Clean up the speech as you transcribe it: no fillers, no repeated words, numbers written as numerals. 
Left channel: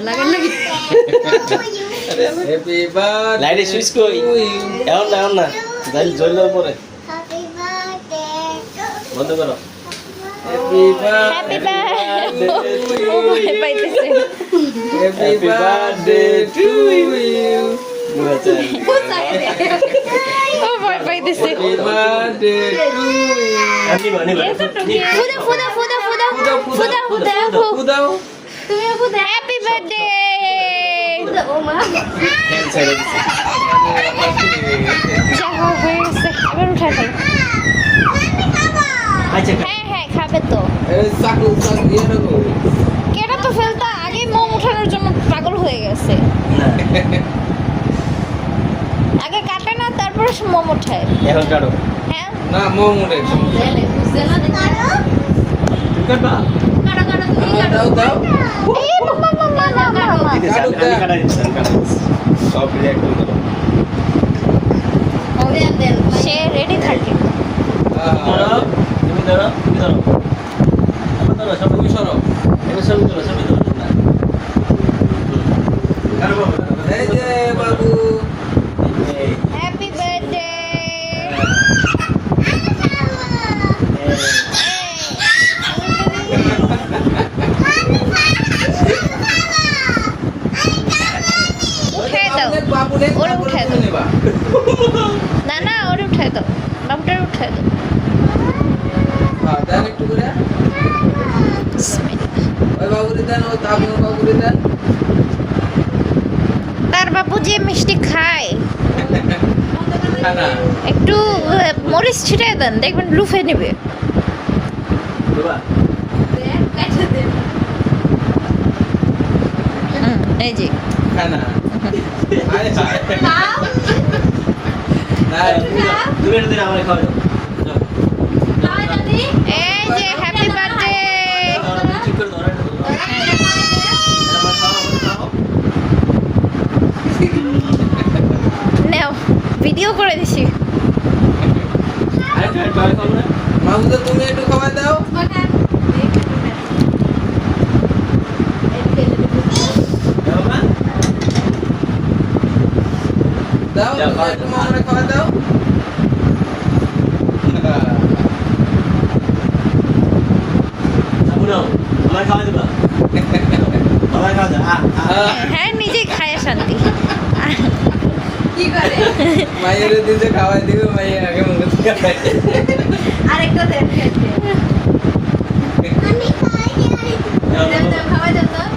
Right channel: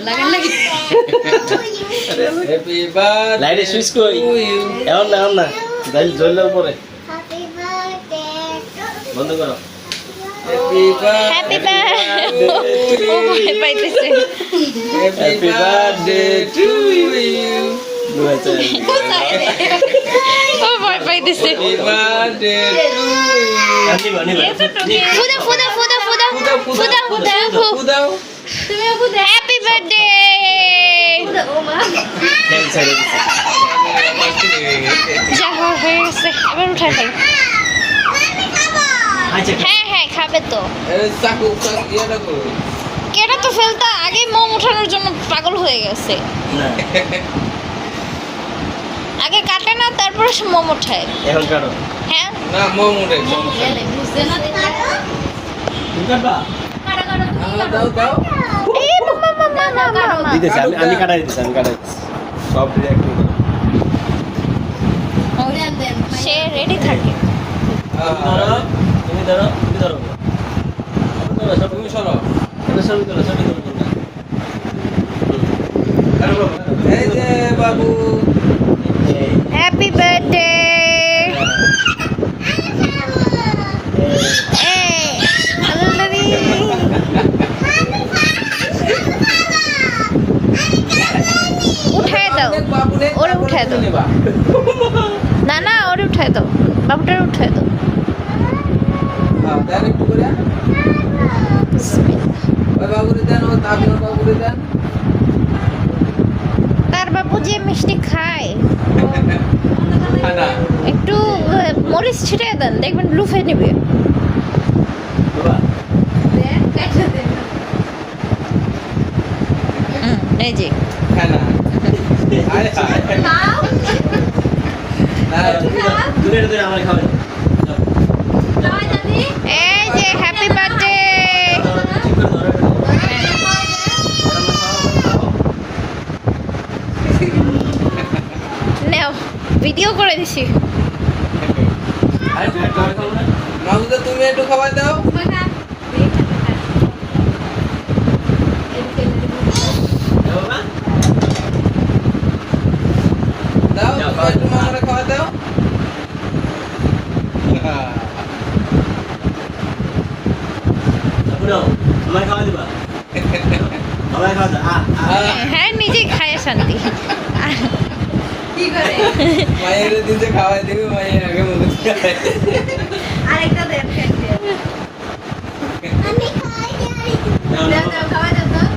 লাগান নাকি happy birthday লাইটে সুইচ কই এমন না গাইল জ্বললে উপরে বন্ধ করো হ্যাপি হ্যাপি বার্থডে ও ভয় পাইতেছে হ্যাপি বার্থডে টু ইউ ও ভয় পাইতেছে হ্যাপি বার্থডে টু ইউ ফুদা ফুদা ফুদা ফুদা ফুদা ফুদা দাও হ্যাপি বার্থডে যা হয়ে গেছে এবার উঠাই ফেলো হ্যাঁ হ্যাঁ খাবে তো এই চাকু ইয়ে রাখো কেটা তো ফেলতা আগে মোম উঠানোর জন্য পাগল হয়ে গেছে না আগে কাটে না তারপরে সে মোম উঠায় এখন কাটো হ্যাঁ না মোম উঠে দাও দাও এই মামা মামা মামা দিতেছি আমি কাটাই দিচ্ছি সব মিলে একটু করো সে রেডি থাকে ধরো তুমি ধরো আমার ধরো সব তুমি সরো এটা সবই ধরো না কারো বাবা এই যে বাবু এই হ্যাপি বার্থডে উঠায় দাও বাবু নে ওরে উঠায় দাও নেবা না না ওরে উঠায় দাও বাবুটারে উঠায় দাও হ্যাঁ দেন একটু করে বিসমিল্লাহ। ওই বাবুরে দেন ও আপনার বাবুরে দেন তার বাবু যে মিষ্টি খায় খানা একটু মরিচ ছিটিয়ে দেন দেখবেন লুফে নেবে বাবা এই যে খানা আয় হায় দূরে দূরে আমরা খাওয়াই এই যে হ্যাপি বার্থডে ঠিক করে ধরো আমার খাওয়া নাও ভিডিও করে দিছি আরে খাওয়া খাও না মাউদা তুমি একটু খাবার দাও বাবা দাও যাও, তুমি একটু মামুরে খাবার দাও বুড়ো আমার খাওয়া দিবা আমার খাওয়া দাও হ্যাঁ নিজেই খায় শান্তি মায়ের দিতে খাওয়াই দিবে মায়ের আগে মুখে খাওয়াই নাও নাও